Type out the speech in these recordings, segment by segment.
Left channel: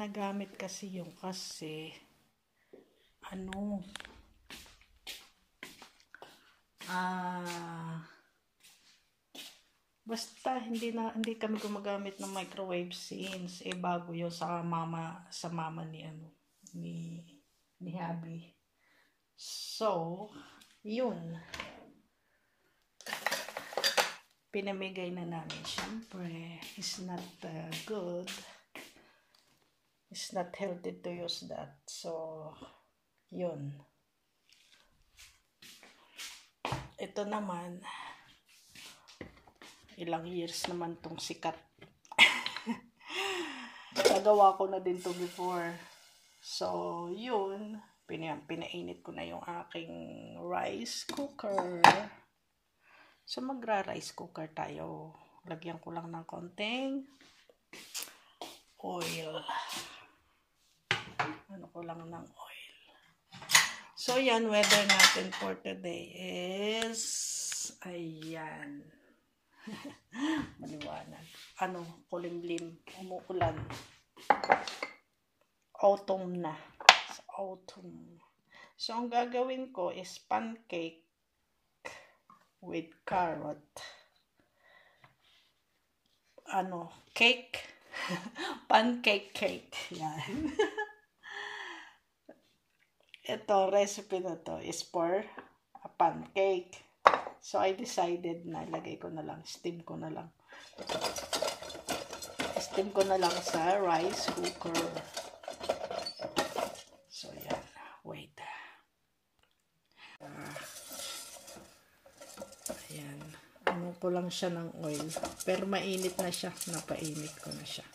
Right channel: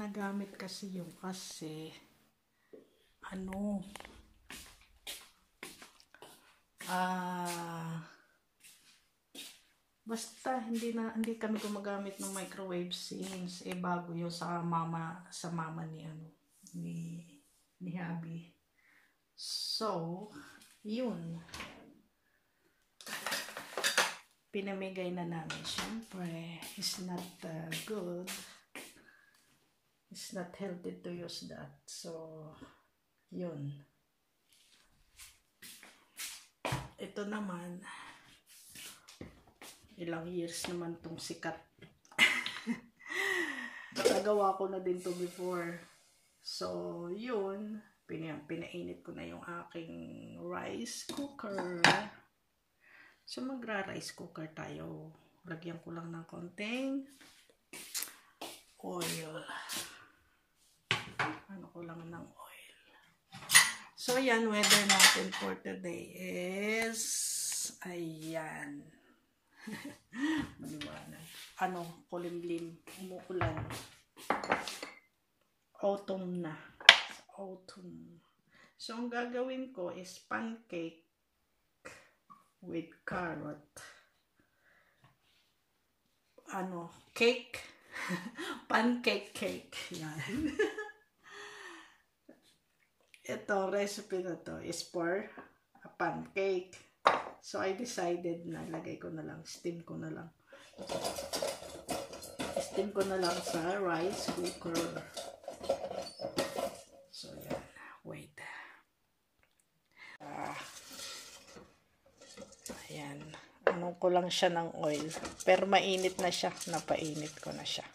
ginagamit kasi yung ano, basta hindi kami gumagamit ng microwave since bago yun sa mama ni Habi. So, yun. Pinamigay na namin. Siyempre, it's not good. It's not healthy to use that. So, yun. Ito naman, ilang years naman tong sikat. Nagawa ko na din to before. So, yun. Pinainit ko na yung aking rice cooker. So, magra-rice cooker tayo. Lagyan ko lang ng konting oil. Ano ko lang ng oil. So, yan. Weather natin for today is ayan. Maliwanag. Kulimlim. Umuulan. Autumn na. Autumn. So, ang gagawin ko is pancake with carrot. Cake. Pancake cake. Yan. Ito, recipe na to is for a pancake. So, I decided na lagay ko na lang, steam ko na lang. Steam ko na lang sa rice cooker. So, yan. Wait. Ayan. Ano ko lang siya ng oil. Pero mainit na siya. Napainit ko na siya.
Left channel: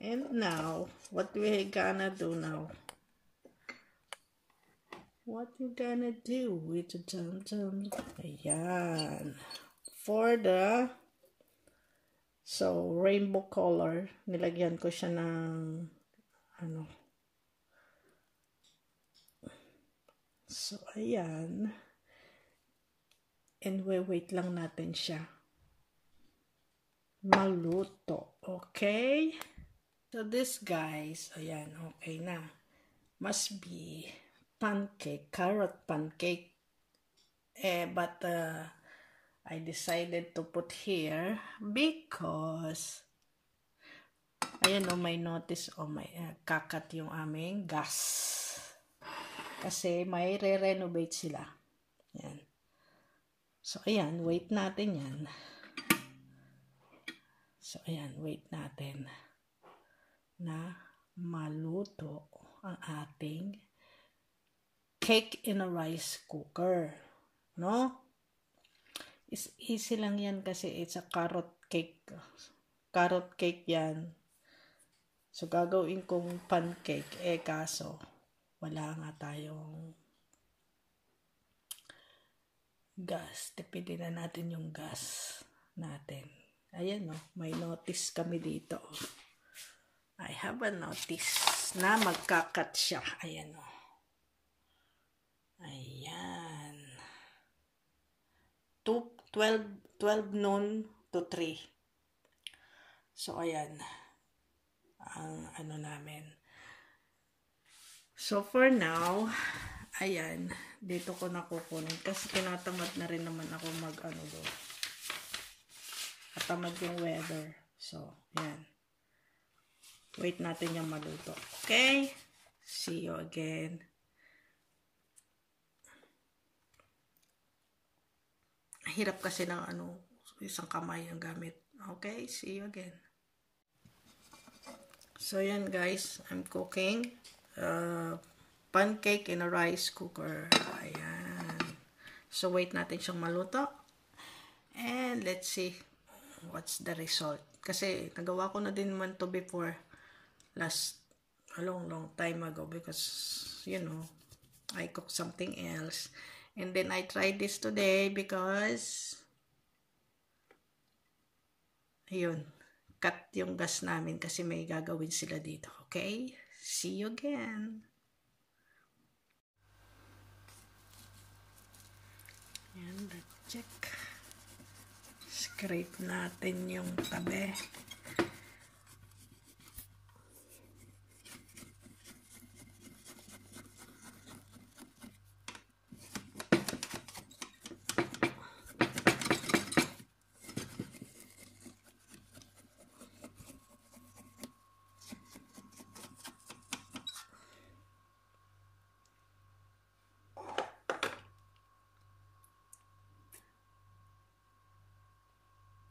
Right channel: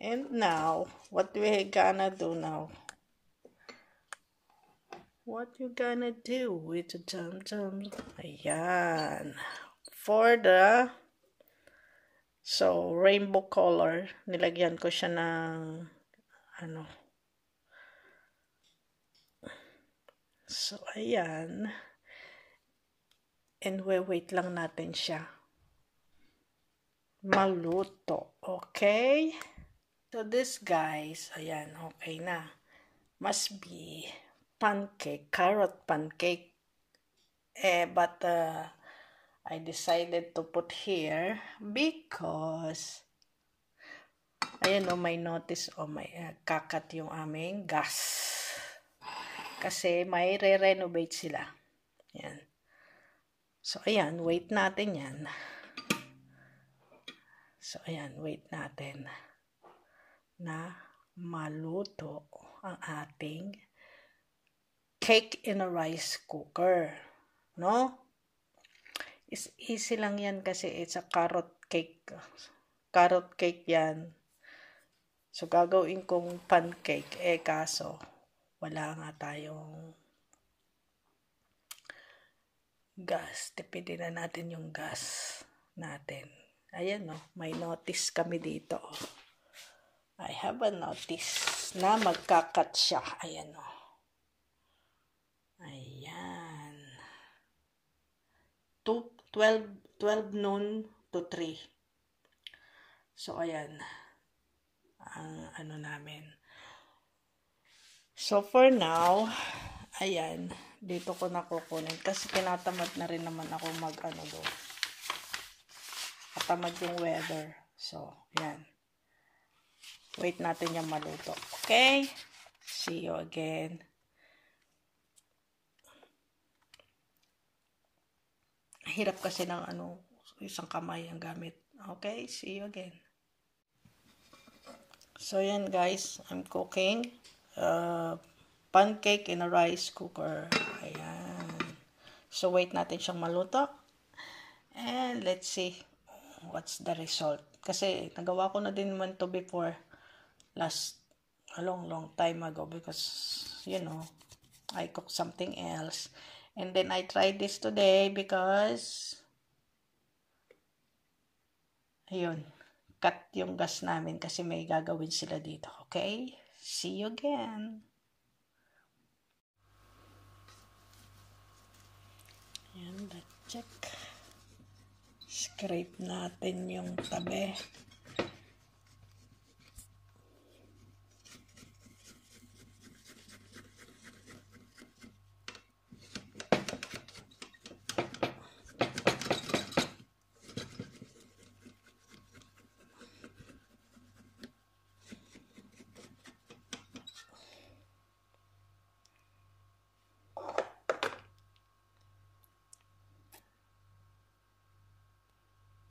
And now, what we gonna do now? What you gonna do with the dum-dum? Ayan. For the rainbow color, nilagyan ko siya ng So, ayan. And wait lang natin siya maluto. Okay? So, this guys, ayan, okay na. Must be pancake, carrot pancake. But I decided to put here because ayan may notice may kakat yung aming gas. Kasi may re-renovate sila. Yan. So, ayan. Wait natin yan. So, ayan. Wait natin na maluto ang ating cake in a rice cooker. No? It's easy lang yan kasi it's a carrot cake. Carrot cake yan. So, gagawin kong pancake. Kaso, wala nga tayong gas. Tipidin na natin yung gas natin. Ayan, may notice kami dito. I have a notice na magkakat siya. Ayan, Ayan. 12 noon to 3. So, ayan. Ang namin. So, for now, ayan, dito ko na kukunin. Kasi tinatamad na rin naman ako doon. Katamad yung weather. So, ayan. Wait natin yung maluto. Okay? See you again. Hirap kasi ng isang kamay ang gamit. Okay? See you again. So, yan guys. I'm cooking pancake in a rice cooker. Ayan. So, wait natin siyang maluto. And let's see what's the result. Kasi, nagawa ko na din naman to before a long time ago because, I cooked something else. And then, I tried this today because, ayun, cut yung gas namin kasi may gagawin sila dito. Okay? See you again. Ayan, check. Scrape natin yung tabi.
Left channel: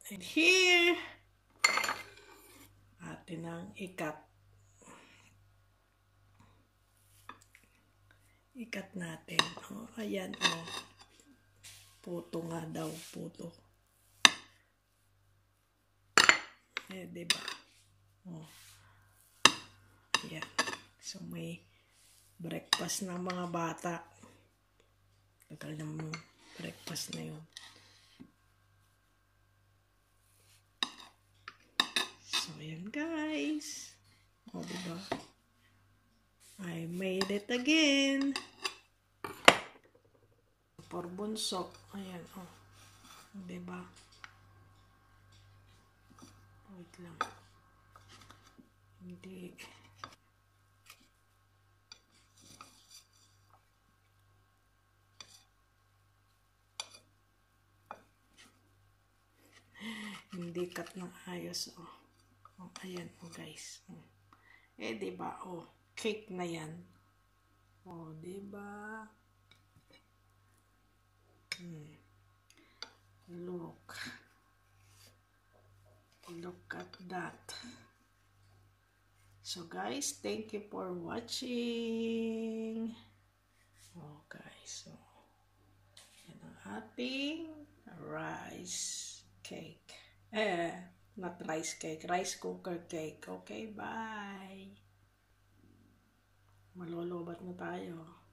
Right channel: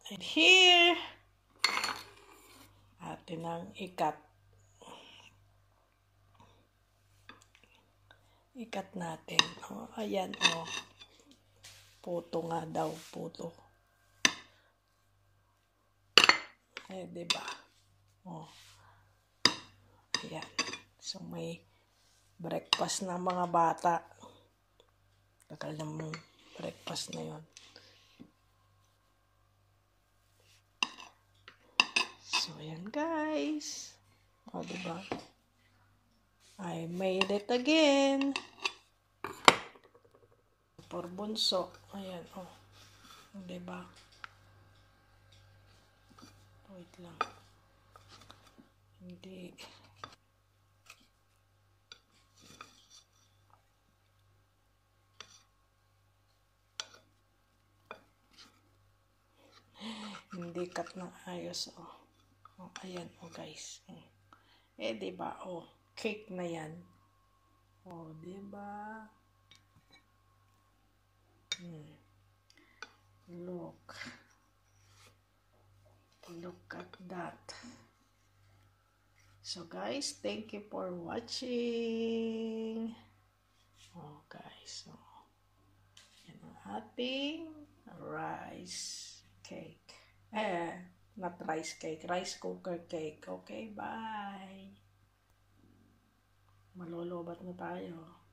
And here, atin ang ikat. Ikat natin. Oh, ayan, oh. Puto nga daw, puto. Diba? Oh. Ayan. So, may breakfast ng mga bata. Tagal ng breakfast na yon. So, ayan guys. O, diba? I made it again. For bunso. Ayan, oh. Diba? Wait lang. Hindi. Hindi cut ng ayos, oh. Oh, ayan, oh guys. Oh. Diba, oh. Cake na yan. Oh, diba? Look. Look at that. So guys, thank you for watching. Oh guys, so yan ang ating rice cake. Not rice cake, rice cooker cake. Okay, bye. Malolobat na tayo.